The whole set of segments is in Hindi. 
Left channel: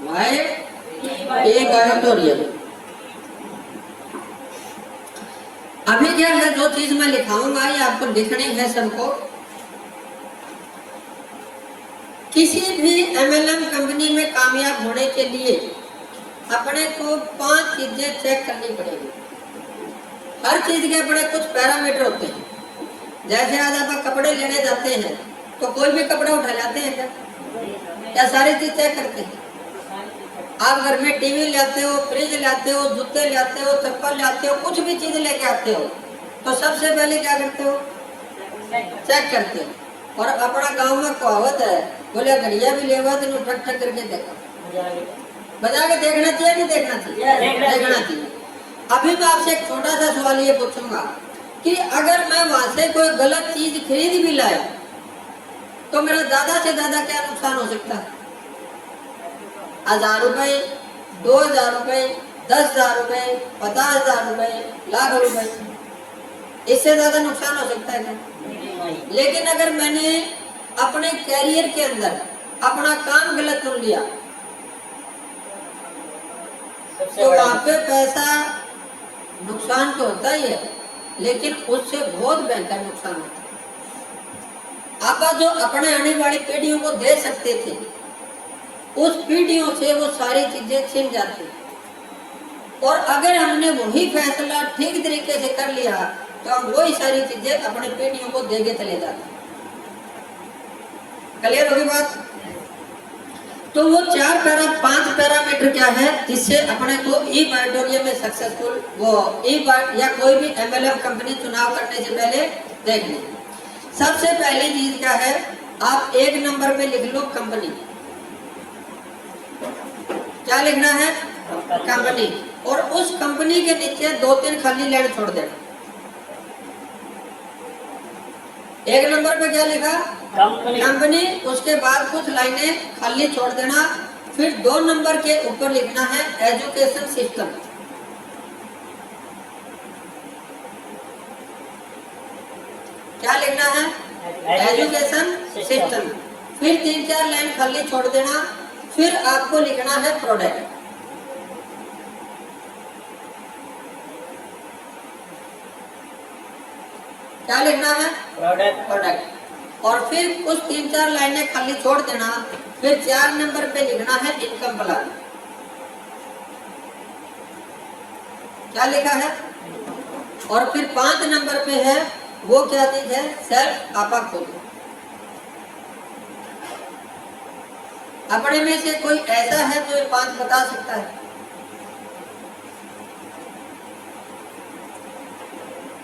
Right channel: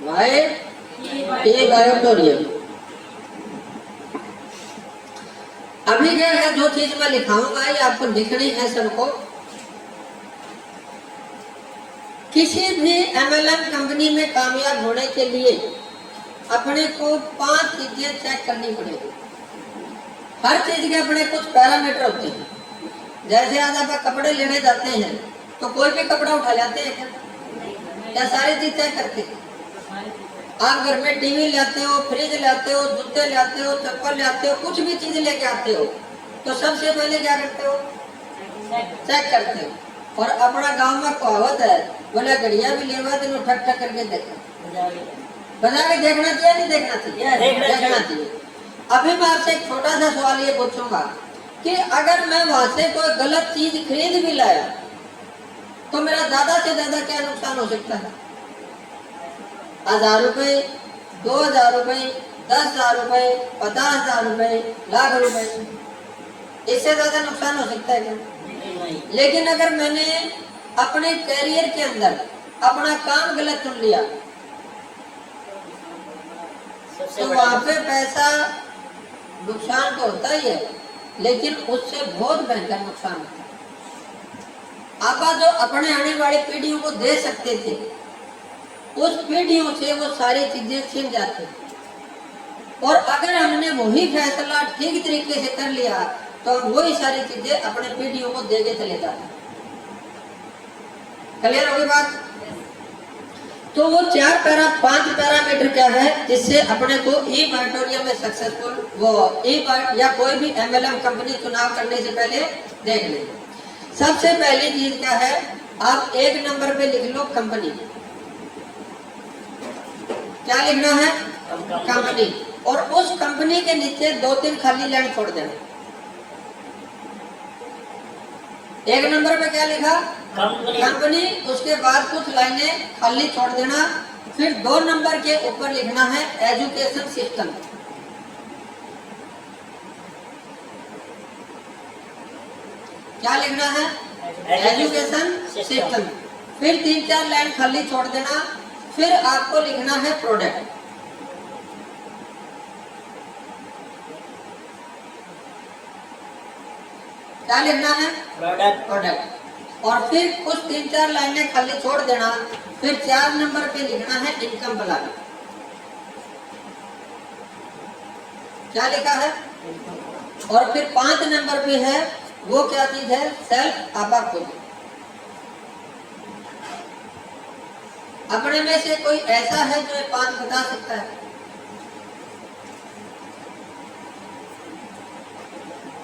वाई ए बायोटोरियम। अभी क्या है, जो चीज मैं लिखाऊंगा ये आपको लिखनी है सबको। किसी भी एमएलएम कंपनी में कामयाब होने के लिए अपने को 5 चीजें चेक करनी पड़ेगी। हर चीज के अपने कुछ पैरामीटर होते हैं। जैसे आज आप कपड़े लेने जाते हैं तो कोई भी कपड़ा उठा लाते हैं क्या? या सारी चीज चेक करते हैं? आप घर में टीवी लाते हो, फ्रिज लाते हो, जूते लाते हो, चप्पल लाते हो, कुछ भी चीज लेके आते हो तो सबसे पहले क्या करते हो? चेक करते हो। और अपना गांव में कहावत है, बोले घड़िया भी लेवा दिन ठक ठक करके देखो, बजा के देखना चाहिए नहीं देखना चाहिए? देखना चाहिए। अभी मैं आपसे एक छोटा सा सवाल ये पूछूंगा कि अगर मैं वहां से कोई गलत चीज खरीद भी लाया तो मेरा ज्यादा से ज्यादा क्या नुकसान हो सकता है? 1000 रुपए, 2000 रुपए, 10,000 रुपए, 50,000 रुपए, लाख रुपए, इससे ज्यादा नुकसान हो सकता है क्या? लेकिन अगर मैंने अपने कैरियर के अंदर अपना काम गलत चुन लिया तो वहां पे पैसा नुकसान तो होता ही है, लेकिन उससे बहुत भयंकर नुकसान होता है। आप जो अपने आने वाली पीढ़ियों को दे सकते थे, उस पीढ़ियों से वो सारी चीजें छिन जाती। और अगर हमने वही फैसला ठीक तरीके से कर लिया तो हम वही सारी चीजें अपने पीढ़ियों को देके चले जाते। क्लियर होगी बात? तो वो 5 पैरामीटर क्या है जिससे अपने को ई बायोटोरियम में सक्सेसफुल वो या कोई भी एमएलएम कंपनी चुनाव करने से पहले देख लें। सबसे पहली चीज क्या है, आप 1 नंबर पे लिख लो कंपनी। क्या लिखना है? कंपनी। और उस कंपनी के नीचे 2-3 खाली लाइन छोड़ देना। 1 नंबर पे क्या लिखा? कंपनी। उसके बाद कुछ लाइनें खाली छोड़ देना। फिर 2 नंबर के ऊपर लिखना है एजुकेशन सिस्टम। क्या लिखना है? Education system. फिर 3-4 लाइन खाली छोड़ देना। फिर आपको लिखना है प्रोडक्ट। क्या लिखना है? प्रोडक्ट। और फिर कुछ 3-4 लाइनें खाली छोड़ देना। फिर 4 नंबर पे लिखना है इनकम प्लान। क्या लिखा है? और फिर 5 नंबर पे है वो क्या चीज है? सेल्फ आपा खुद। अपने में से कोई ऐसा है जो ये 5 बता सकता है?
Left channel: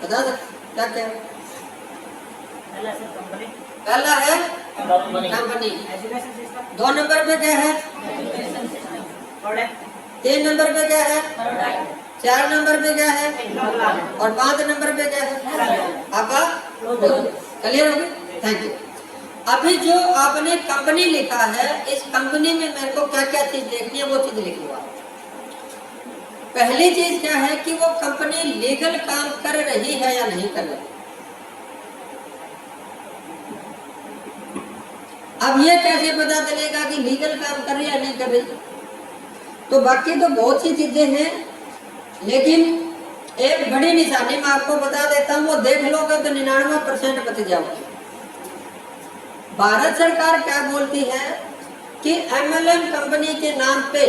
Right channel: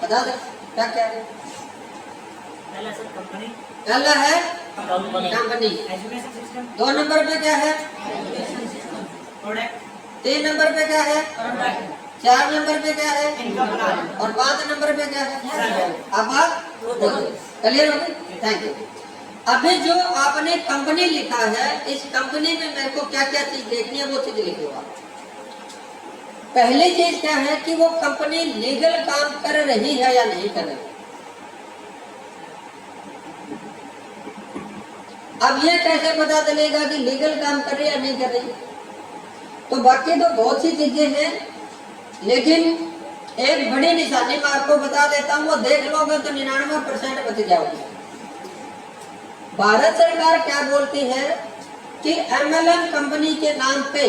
बता सकता क्या है? पहला है कंपनी। 2 नंबर पे क्या है? 3 नंबर पे क्या है? 4 नंबर पे क्या है? और 5 नंबर पे क्या है? आप क्लियर हो गई? Thank you. अभी जो आपने कंपनी लिखा है, इस कंपनी में मेरे को क्या क्या चीज देखनी है वो चीज लिखो आप। पहली चीज क्या है कि वो कंपनी लीगल काम कर रही है या नहीं कर रही। अब ये कैसे पता चलेगा कि लीगल काम कर रही है या नहीं कर रही? तो बाकी तो बहुत सी चीजें हैं, लेकिन एक बड़ी निशानी मैं आपको बता देता हूँ, वो देख लोगे तो 99% बच जाओगे। भारत सरकार क्या बोलती है कि एमएलएम कंपनी के नाम पे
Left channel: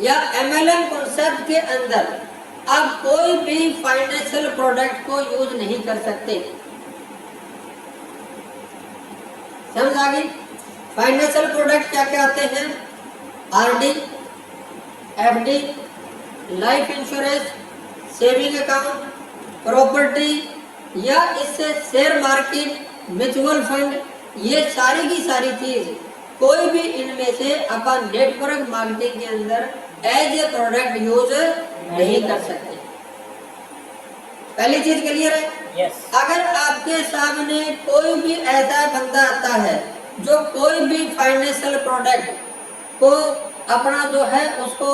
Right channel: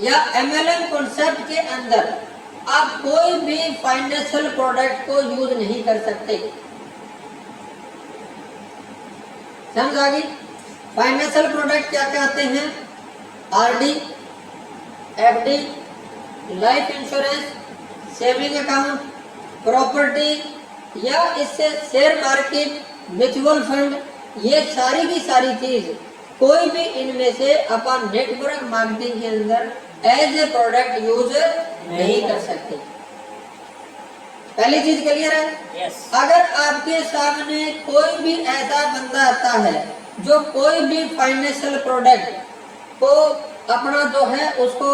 या एमएलएम कॉन्सेप्ट के अंदर आप कोई भी फाइनेंशियल प्रोडक्ट को यूज नहीं कर सकते। समझ आ गई? फाइनेंशियल प्रोडक्ट क्या क्या आते हैं? RD, FD, life insurance, saving account, property या इससे शेयर मार्केट, म्यूचुअल फंड, ये सारी की सारी चीज कोई भी इनमें से अपन नेटवर्क मार्केटिंग के अंदर एज ए प्रोडक्ट यूज नहीं कर सकते। पहली चीज क्लियर है? yes. अगर आपके सामने कोई भी ऐसा बंदा आता है जो कोई भी फाइनेंशियल प्रोडक्ट को अपना जो है उसको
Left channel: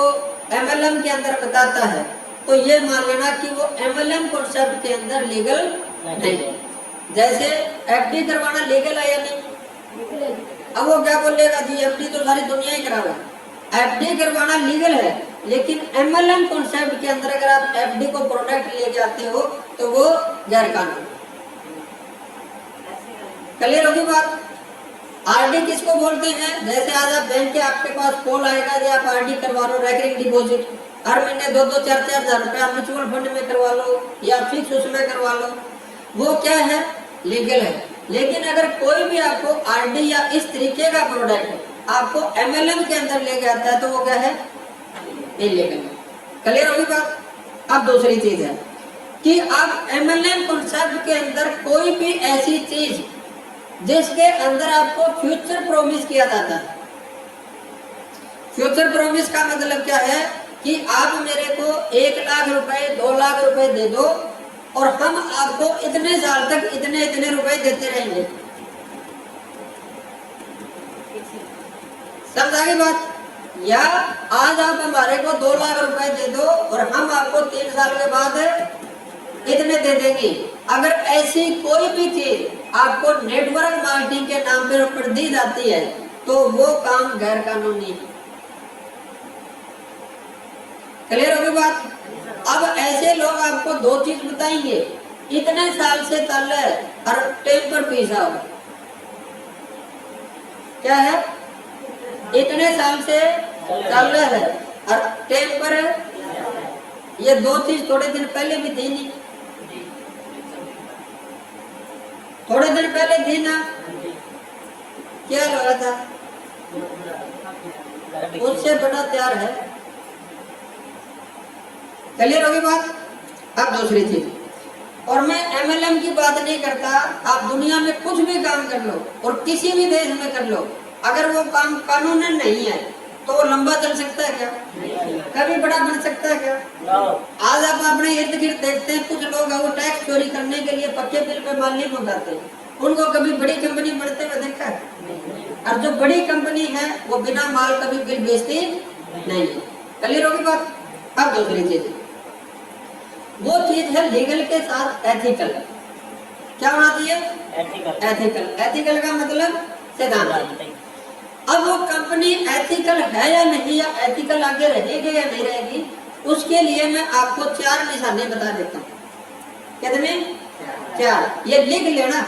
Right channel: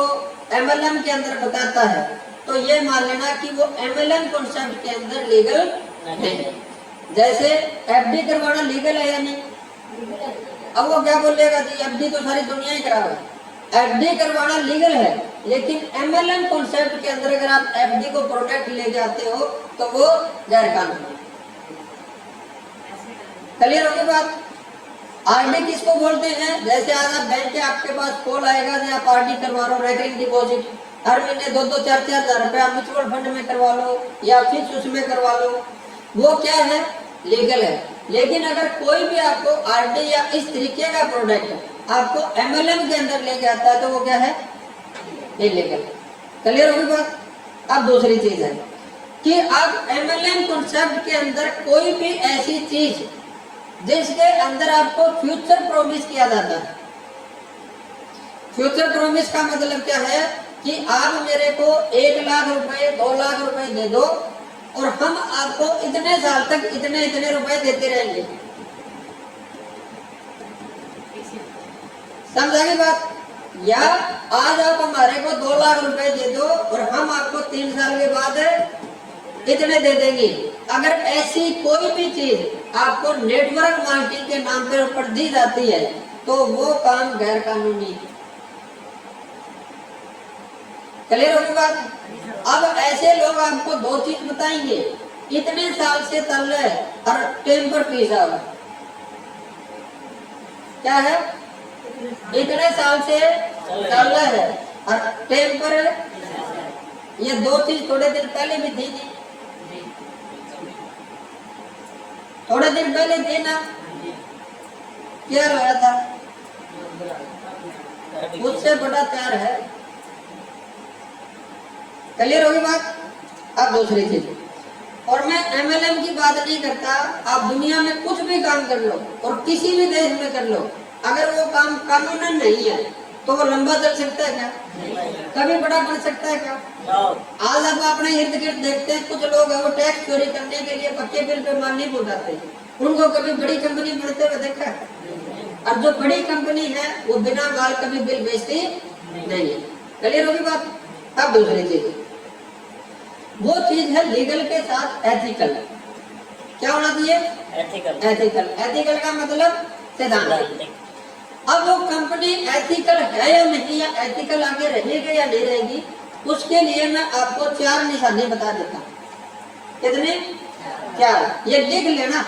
एमएलएम के अंदर बताता है, तो ये मान लेना कि वो एमएलएम कॉन्सेप्ट के अंदर लीगल नहीं है। जैसे एफडी करवाना लीगल है या नहीं? अब वो क्या बोलेगा जी एफडी तो सारी दुनिया ही करावे, एफडी करवाना लीगल है, लेकिन एमएलएम कॉन्सेप्ट के अंदर अगर आप एफडी को प्रोडक्ट लेके आते हो तो वो गैर कानूनी। क्लियर होगी बात? आरडी किसको बोलते हैं? जैसे आज आप बैंक के आपके पास कॉल आएगा कि आप आरडी करवा लो, रेकरिंग डिपॉजिट, हर महीने 2-2, 4-4 हजार रुपया म्यूचुअल फंड में करवा लो या फिक्स उसमें करवा लो, वो क्या है? लीगल है। लेकिन अगर कोई भी आपको आरडी या इस तरीके का प्रोडक्ट आपको एमएलएम के अंदर लेके आता है तो वो क्या है? इलीगल है। क्लियर होगी बात? अब दूसरी चीज है कि आप एमएलएम कॉन्सेप्ट के अंदर कोई भी ऐसी चीज जिसके अंदर आपको फ्यूचर प्रॉमिस किया जाता है। फ्यूचर प्रॉमिस का मतलब क्या है कि आप मेरे को 1 लाख रुपए 2 लाख रुपए दे दो और हम आपको इतने साल तक इतने इतने रुपए देते रहेंगे। समझ आगे बात? या आज आप हमारे को 2 लाख रुपए दे दो और हम आपको 3 साल के बाद इतने दे देंगे। अगर ऐसी कोई भी चीज आपको नेटवर्क मार्केटिंग के नाम पर दी जाती है तो वो काम गैर कानूनी है। क्लियर होगी बात? अब ऐसे लोग आपको 2 चीज बताएंगे, इतने साल से चल रहा है और टेम्पर पिज्जा होगा। क्या है? इतने साल से चल रहा है और टेम्पर, ये 2 चीज थोड़े दिन पहले भी थी नहीं, थोड़े दिन पहले थी ना? क्या लग रहा था? उससे बड़ा प्यार है। क्लियर होगी बात? अब दूसरी चीज, और मैं एमएलएम की बात नहीं करता, आप दुनिया में कुछ भी काम कर लो और किसी भी देश में कर लो, अगर वो काम कानूनन नहीं है तो वो लंबा चल सकता है क्या? कभी बड़ा बन सकता है क्या? आज आप अपने इर्द गिर्द देखते हैं कुछ लोग वो टैक्स चोरी करने के लिए पक्के बिल पे माल नहीं भुगताते, उनको कभी बड़ी कंपनी बनते हुए देखा है? और जो बड़ी कंपनी है वो बिना माल कभी बिल बेचती नहीं है। क्लियर होगी बात? अब दूसरी चीज, वो चीज है लीगल के साथ एथिकल। क्या होना चाहिए? एथिकल। एथिकल का मतलब सिद्धांत। अब वो कंपनी एथिकल है या नहीं, या एथिकल आगे रहेगी या नहीं रहेगी, उसके लिए मैं आपको 4 निशाने बता देता हूँ। कितने? 4। ये लिख लेना,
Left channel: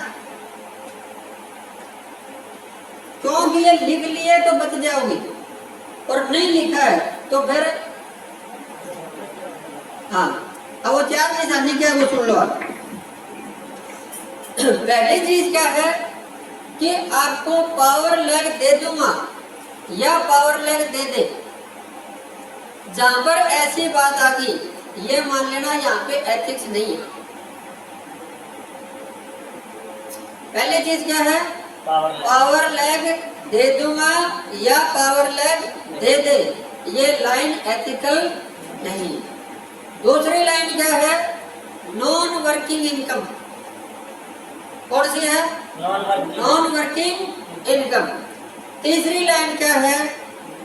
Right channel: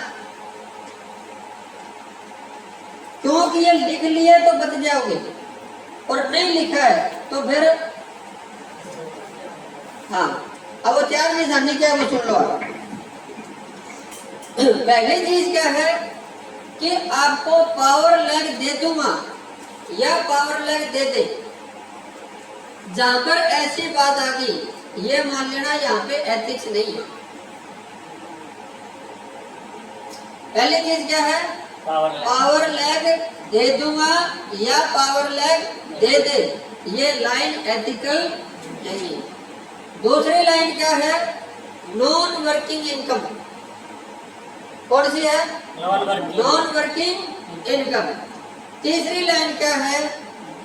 क्योंकि ये लिख लिए तो बच जाओगे और नहीं लिखा है तो फिर हाँ। अब वो 4 निशाने क्या वो सुन लो आप। पहली चीज क्या है कि आपको पावर लैग दे दूंगा या पावर लैग दे दे, जहां पर ऐसी बात आ गई ये मान लेना यहाँ पे एथिक्स नहीं है। पहली चीज क्या है? पावर लैग दे दूंगा या पावर लैग दे दे, ये लाइन एथिकल नहीं है। दूसरी लाइन क्या है? Non working income. कौन सी है? Non working income. तीसरी लाइन क्या है?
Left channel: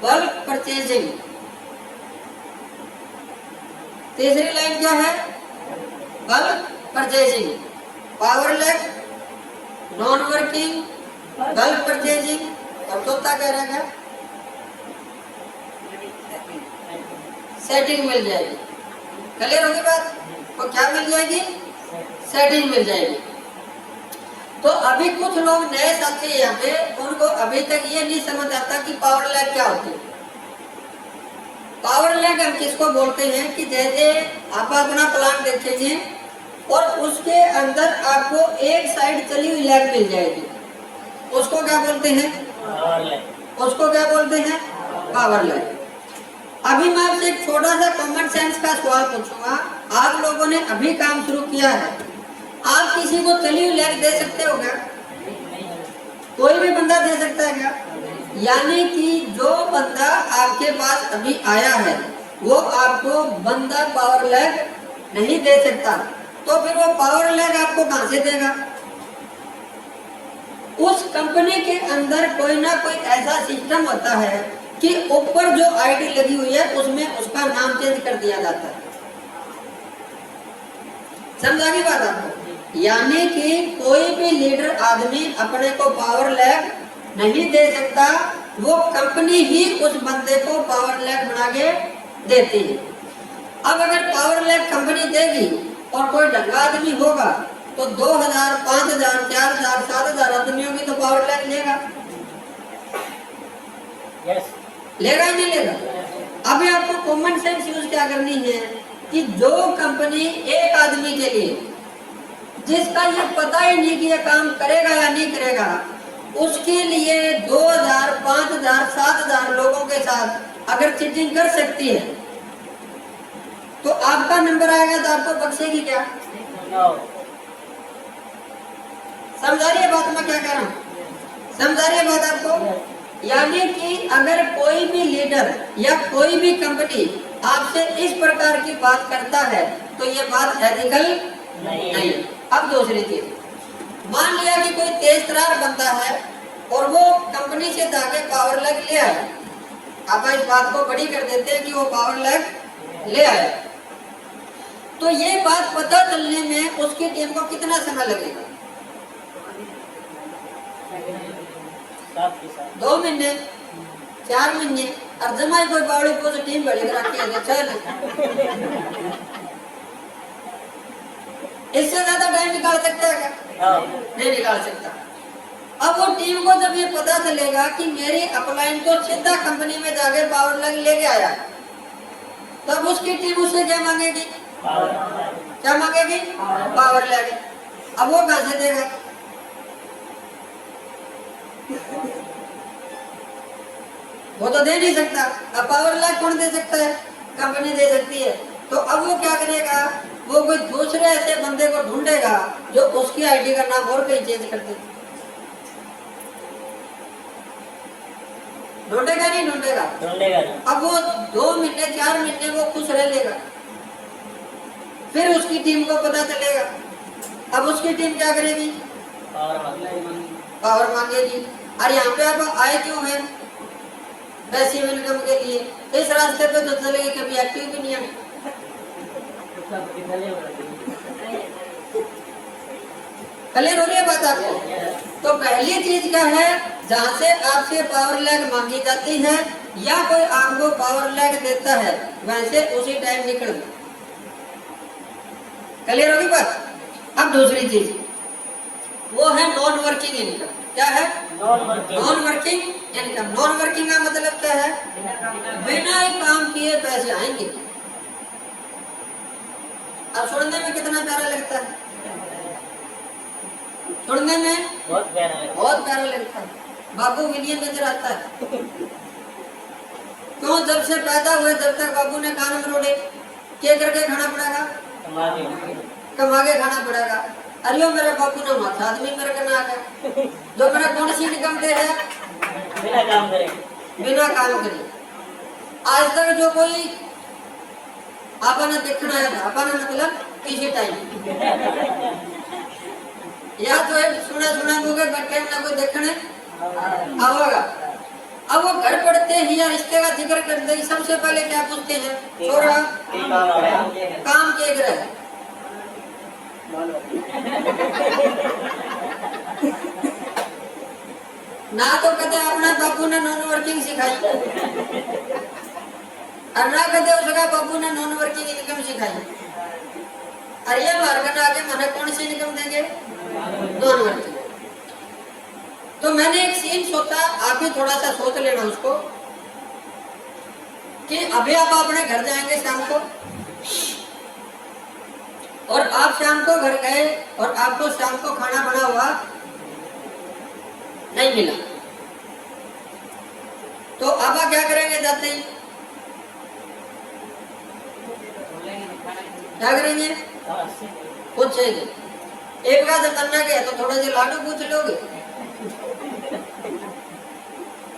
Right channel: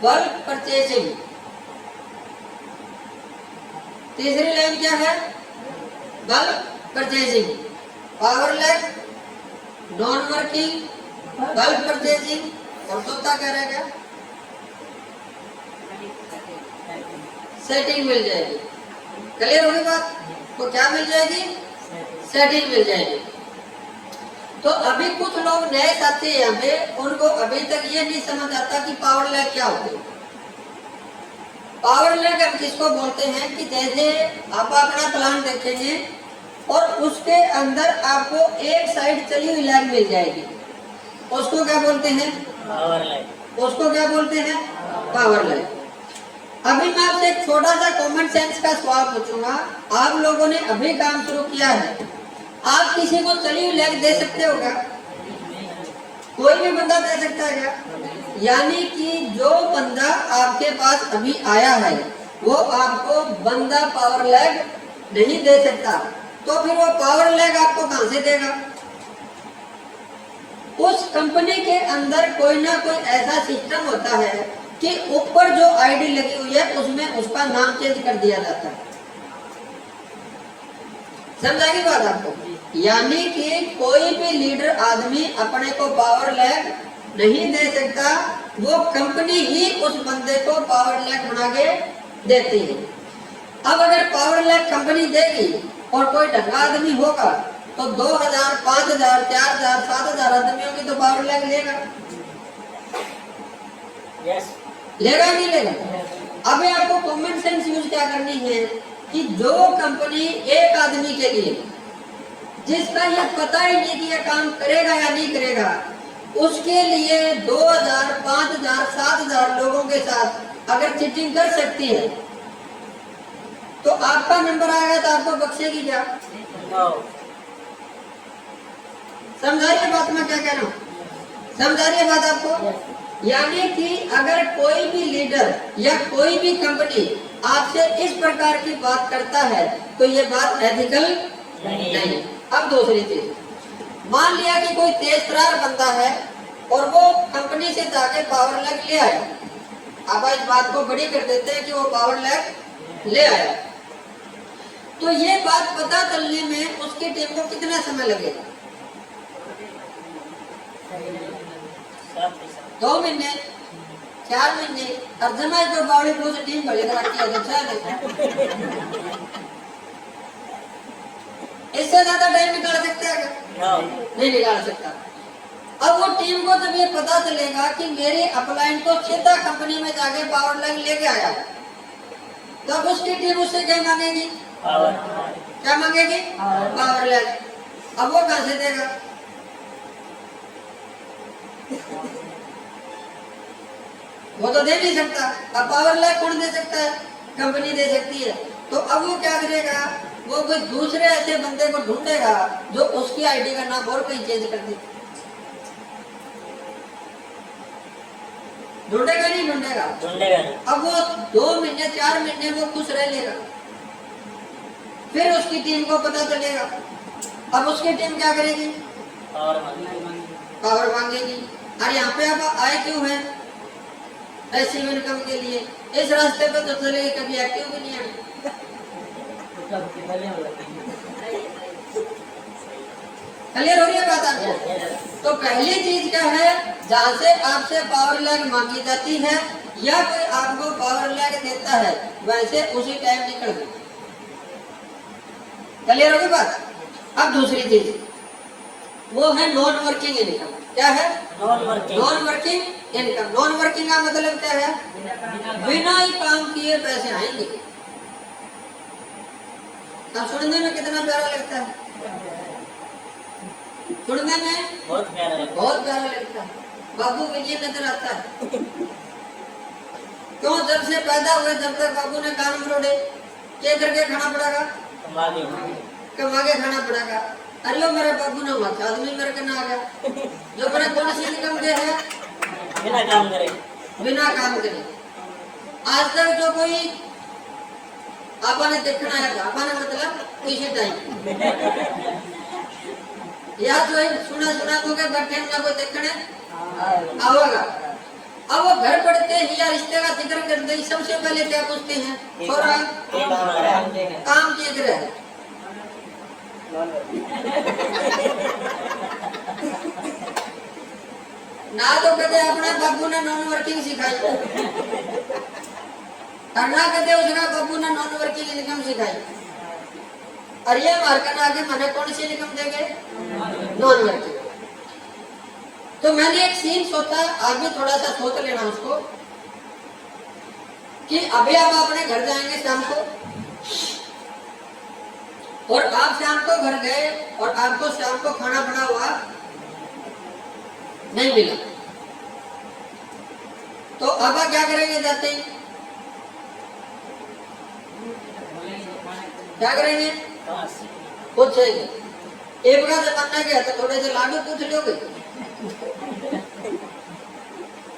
Bulk purchasing. तीसरी लाइन क्या है? Bulk purchasing. Power lag, non working, bulk purchasing, और चौथा कह रहा है क्या? सेटिंग मिल जाएगी। क्लियर होगी बात? तो क्या मिल जाएगी? सेटिंग मिल जाएगी। तो अभी कुछ लोग नए साथी हैं यहाँ पे, उनको अभी तक ये नहीं समझ आता कि पावर लैग क्या होती है। पावर लैग हम किसको बोलते हैं कि जैसे आप अपना प्लान देखेंगे और उसके अंदर आपको एक साइड चली हुई लैग मिल जाएगी, उसको क्या बोलते हैं? Power lag. उसको क्या बोलते हैं? Power lag. अभी मैं आपसे एक छोटा सा कॉमन सेंस का सवाल पूछूंगा। आप लोगों ने अभी काम शुरू किया है, आप किसी को चली हुई लैग दे सकते हो क्या? कोई भी बंदा दे सकता है क्या? यानी कि जो बंदा आपके पास अभी आया है वो आपको बंदा पावर लैग नहीं दे सकता, तो फिर वो पावर लैग आपको कहां से देगा? उस कंपनी के अंदर कोई ना कोई ऐसा सिस्टम होता है कि ऊपर जो आईडी लगी हुई है उसमें उसका नाम चेंज कर दिया जाता है। समझा की बात आपको? यानी कि कोई भी लीडर आदमी अपने को पावर लैग नहीं दे सकता, वो कंपनी ही उस बंदे को पावर लैग बना के देती है। अब अगर पावर लैग कंपनी देगी और कोई ढंगा आदमी होगा तो 2000, 5000, 4000, 7000 आदमियों की तो पावर लैग लेगा। यस लेगा नहीं लेगा? अभी आपको कॉमन सेंस यूज क्या करनी है कि जो कंपनी एक आदमी के लिए जिसका ये पता ही नहीं कि ये काम करेगा या नहीं करेगा, उसके लिए 2000, 5000, 7000 लोगों के साथ अगर चीटिंग कर सकती है तो आपका नंबर आएगा तो आपको बख्शेगी क्या? समझा रही है बात मैं क्या कह रहा हूँ? समझा रही है बात आपको? यानी कि अगर कोई भी लीडर या कोई भी कंपनी आपसे इस प्रकार की बात करता है तो ये बात एथिकल नहीं। अब दूसरी चीज, मान लिया कि कोई तेज तरार बंदा है और वो कंपनी से जाके पावर लैग ले आया। अब इस बात को बड़ी कर देते हैं कि वो पावर लैग ले आया, तो ये बात पता चलने में उसकी टीम को कितना समय लगेगा? 2 महीने, 4 महीने। और जमाई कोई बावड़ी को टीम बड़ी करा के अच्छा नहीं, इससे ज्यादा टाइम निकाल सकता है क्या? नहीं निकाल सकता। अब वो टीम को जब ये पता चलेगा कि मेरे अपलाइन तो सीधा कंपनी में जाके पावर लैग लेके आया, तब उसकी टीम उससे क्या मांगेगी? क्या मांगेगी? Power lag. अब वो कहां से देगा? वो तो दे नहीं सकता। अब पावर लैग कौन दे सकता है? कंपनी दे सकती है। तो अब वो क्या करेगा? वो कोई दूसरे ऐसे बंदे को ढूंढेगा जो उसकी आईडी का नाम और कहीं चेंज कर दे। ढूंढेगा नहीं ढूंढेगा? अब वो 2 महीने 4 महीने वो खुश रह लेगा, फिर उसकी टीम को पता चलेगा। अब उसकी टीम क्या करेगी? पावर मांगेगी। अरे यहाँ पे आप आए क्यों हैं? पैसिव इनकम के लिए। इस रास्ते पे तो चले कभी एक्टिव भी नहीं आए। क्लियर हो रही है बात आपको? तो पहली चीज क्या है, जहाँ से आपसे पावर लैग मांगी जाती है या कोई आपको पावर लैग देता है वैसे उसी टाइम निकल गए। क्लियर होगी बात? अब दूसरी चीज वो है नॉन वर्किंग इनकम। क्या है? Non working income. Non working का मतलब क्या है? बिना ही काम किए पैसे आएंगे। अब सुनने में कितना प्यारा लगता है? सुनने में बहुत प्यारा लगता है। बाबू विलियम नजर आता है। क्यों? जब से पैदा हुए तब तक बाबू ने कान मरोड़े, क्या करके खाना पड़ेगा? कमा के खाना पड़ेगा। अरे मेरा बाबू ने माथा आदमी मेरे के ना आ गया जो मेरा कौन सी इनकम दे है? बिना काम करे। आज तक जो कोई आपने देखना है, आपने मतलब किसी टाइम या जो है सुने मुझे बैठे ना कोई देखने आवागा। अब वो घर पड़ते ही या रिश्ते का जिक्र करते ही सबसे पहले क्या पूछते हैं? छोरा काम के करे ना तो कहते अपने बाबू ने नॉन वर्किंग सिखाई और ना कहते उसका बाबू ने नॉन वर्किंग इनकम सिखाई। अरे मार्कन आगे मैंने कौन सी इनकम देंगे? Non working. तो मैंने एक सीन सोचा, आप भी थोड़ा सा सोच लेना उसको कि अभी आप अपने घर जाएंगे शाम को और आप शाम को घर गए और आपको शाम को खाना बना हुआ नहीं मिला, तो अब क्या करेंगे? जाते ही क्या करेंगे? पूछेंगे। एक बार जमाना गया तो थोड़े से लाडू पूछ लोगे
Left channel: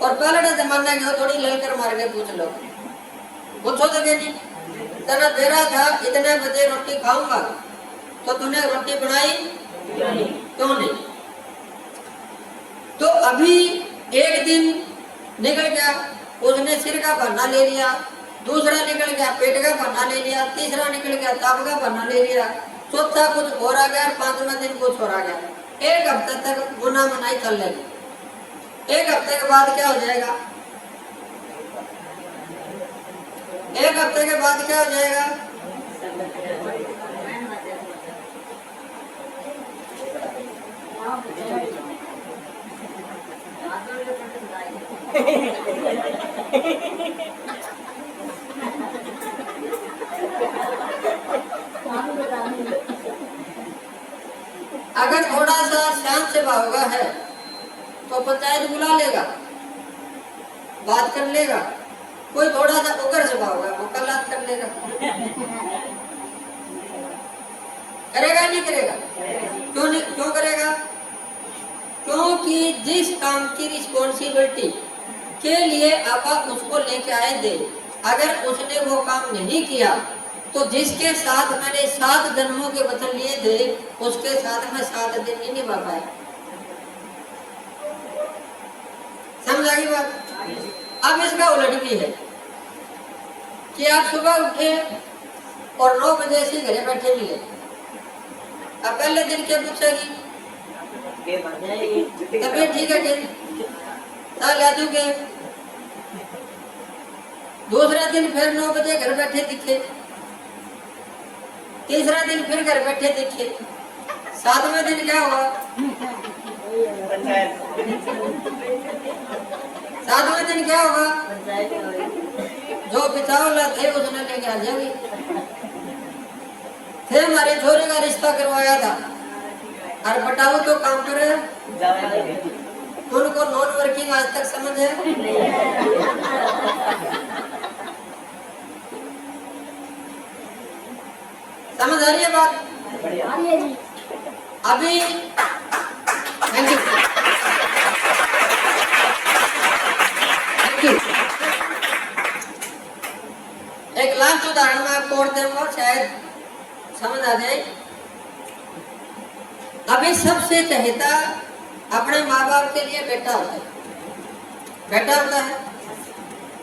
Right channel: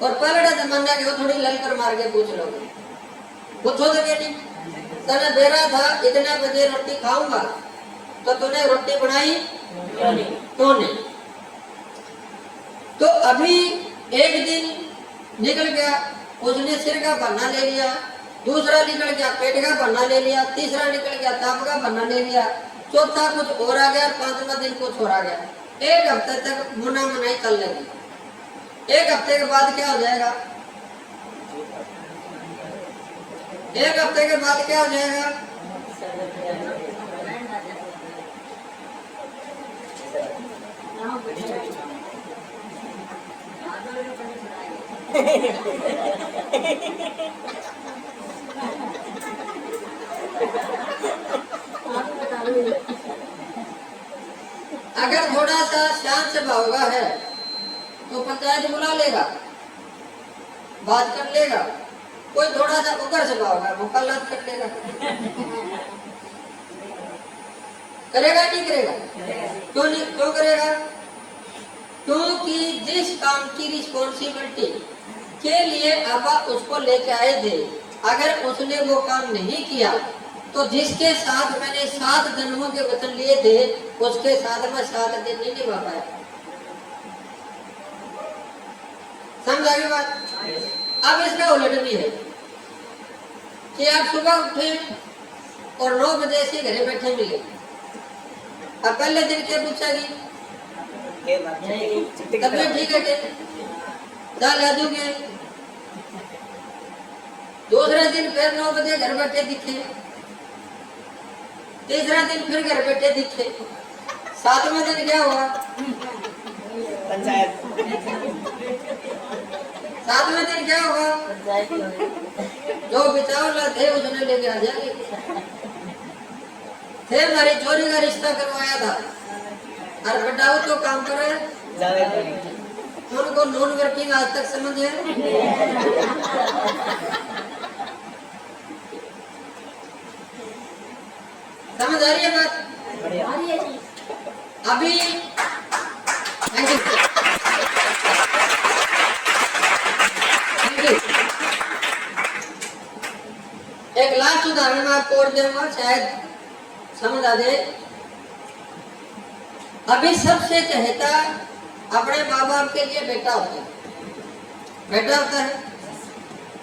और पहले जमाना गया थोड़ी ललकर मार के पूछ लोगे। पूछो तो नहीं तना दे रहा था इतने बजे रोटी खाऊंगा तो तूने रोटी बनाई क्यों नहीं? तो अभी एक दिन निकल गया, उसने सिर का बहाना ले लिया, दूसरा निकल गया पेट का बहाना ले लिया, तीसरा निकल गया ताप का बहाना ले लिया, चौथा कुछ और आ गया, 5वां दिन कुछ और आ गया। एक हफ्ते तक मुना मनाई चल रही। एक हफ्ते के बाद क्या हो जाएगा? एक हफ्ते के बाद क्या हो जाएगा? अगर थोड़ा सा शांत से हुआ है तो पंचायत बुला लेगा, बात कर लेगा। कोई थोड़ा सा उगर से होगा, मुकल्लात कर लेगा। करेगा नहीं करेगा? क्यों नहीं, क्यों करेगा? क्योंकि जिस काम की रिस्पॉन्सिबिलिटी के लिए आप उसको लेके आए थे, अगर उसने वो काम नहीं किया तो जिसके साथ मैंने 7 जन्मों के वचन लिए थे उसके साथ मैं 7 दिन नहीं निभा पाया। समझ आ गई बात? अब इसका उलट भी है कि आप सुबह उठे और 9 बजे से घरे बैठे मिले। अब पहले दिन क्या पूछेगी? तबीयत ठीक है क्या? ला दूंगे। दूसरे दिन फिर 9 बजे घर बैठे दिखे। तीसरा दिन फिर घर बैठे दिखे। 7वें दिन क्या हुआ? पंचायत। 7वें दिन क्या होगा? जो बिचावला थे उसने लेके आ जाएंगे। थे हमारी छोरी का रिश्ता करवाया था और बताओ तो काम करे उनको नॉन वर्किंग आज तक समझ है? समझ आ रही है बात? आ रही है जी। अभी थैंक यू थैंक यू। एक लास्ट उदाहरण मैं आपको और दूंगा, शायद समझ आ जाए। अभी सबसे चहेता अपने माँ बाप के लिए बेटा होता है, बेटा होता है।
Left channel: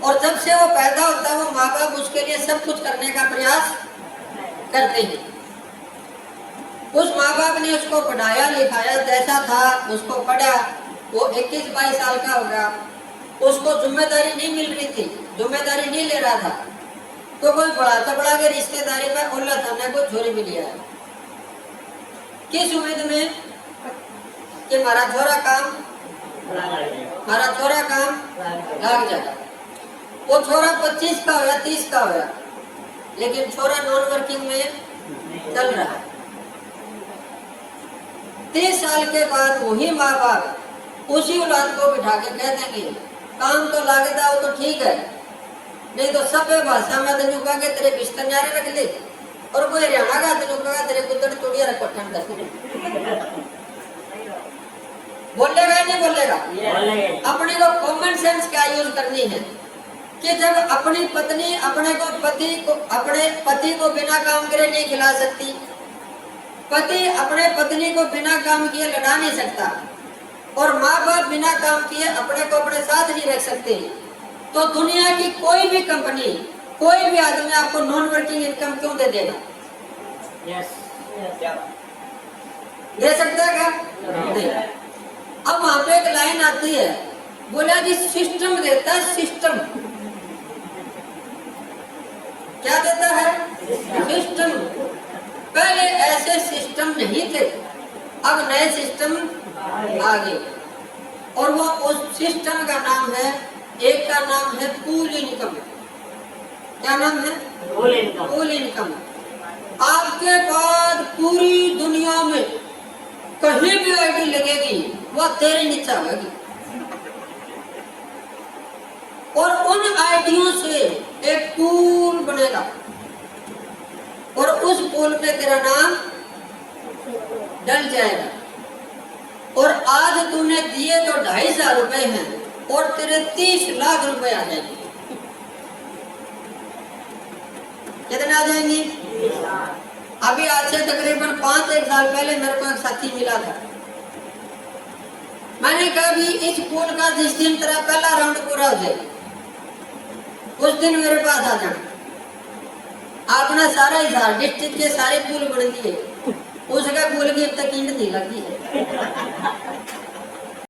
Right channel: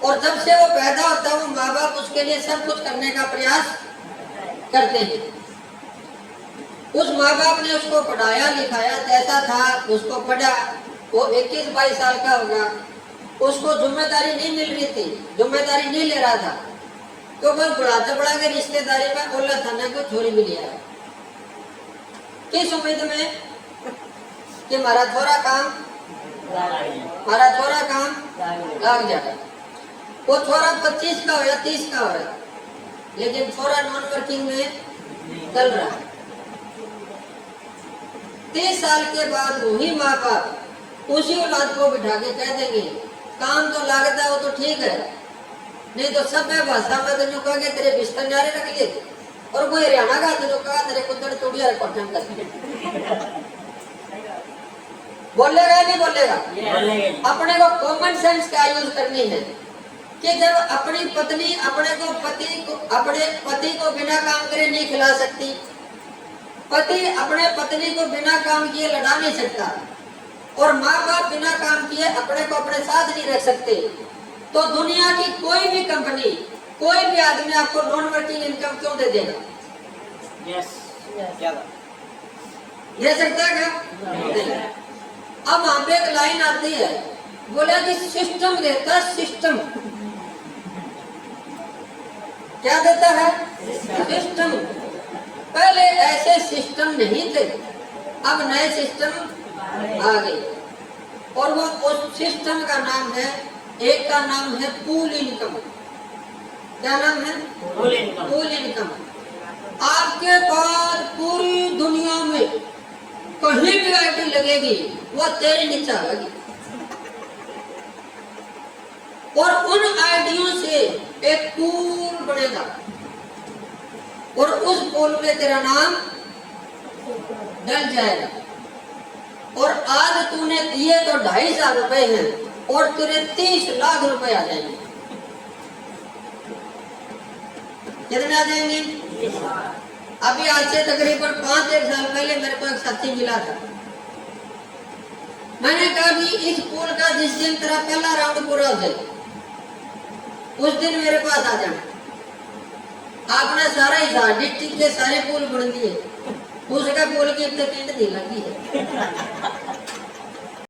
और जब से वो पैदा होता है वो माँ बाप उसके लिए सब कुछ करने का प्रयास करते हैं। उस माँ बाप ने उसको पढ़ाया लिखाया, जैसा था उसको पढ़ा, वो 21-22 साल का होगा, उसको जिम्मेदारी नहीं मिल रही थी, जिम्मेदारी नहीं ले रहा था, तो कोई बढ़ाता बढ़ा के रिश्तेदारी में ओला थाना को छोरी भी लिया। किस उम्मीद में कि हमारा छोरा काम लाग जाएगा। वो छोरा 25 का होया, 30 का होया, लेकिन छोरा नॉन वर्किंग में चल रहा है। 30 साल के बाद वही माँ बाप उसी औलाद को बिठा के कह देंगे काम तो लागता हो तो ठीक है, नहीं तो सभ्य भाषा में तेन कहा कि तेरे बिस्तर न्यारे रख ले, और कोई हरियाणा का तेन कहा तेरे पुत्र टूड़िया पठन कर। बोलेगा नहीं बोलेगा? अपने को कॉमन सेंस क्या यूज करनी है कि जब अपनी पत्नी अपने पति को बिना काम करे नहीं खिला सकती, पति अपने पत्नी को बिना काम किए लड़ा नहीं सकता, और माँ बाप बिना काम किए अपने को अपने साथ नहीं रख सकते, तो दुनिया की कोई भी कंपनी, कोई भी आदमी आपको नॉन वर्किंग इनकम क्यों दे देगा? दे सकता है क्या? नहीं। अब वहां पे एक लाइन आती है, बोला कि सिस्टम देता, सिस्टम क्या देता है? सिस्टम। पहले ऐसे सिस्टम नहीं थे, अब नए सिस्टम आ गए, और वो उस सिस्टम का नाम है, एक का नाम है पूल इनकम। क्या नाम है? Pool income. आपके पास पूरी दुनिया में कहीं भी आईटी लगेगी वो तेरे नीचे आएगी, और उन आईडियों से एक पूल बनेगा, और उस पूल में तेरा नाम डल जाएगा। और आज तूने दिए तो 2,500 रुपए हैं, और तेरे 30 लाख रुपए आ जाएंगे। कितने आ जाएंगे? अभी आज से तकरीबन 5-1 साल पहले मेरे को एक साथी मिला था। मैंने कहा भी इस पूल का जिस दिन तेरा पहला राउंड पूरा हो जाए उस दिन मेरे पास आ जाना। आपने सारा हिसाब डिस्ट्रिक्ट के सारे पुल बन दिए, उसका पुल की अब तक ईंट नहीं लगी है।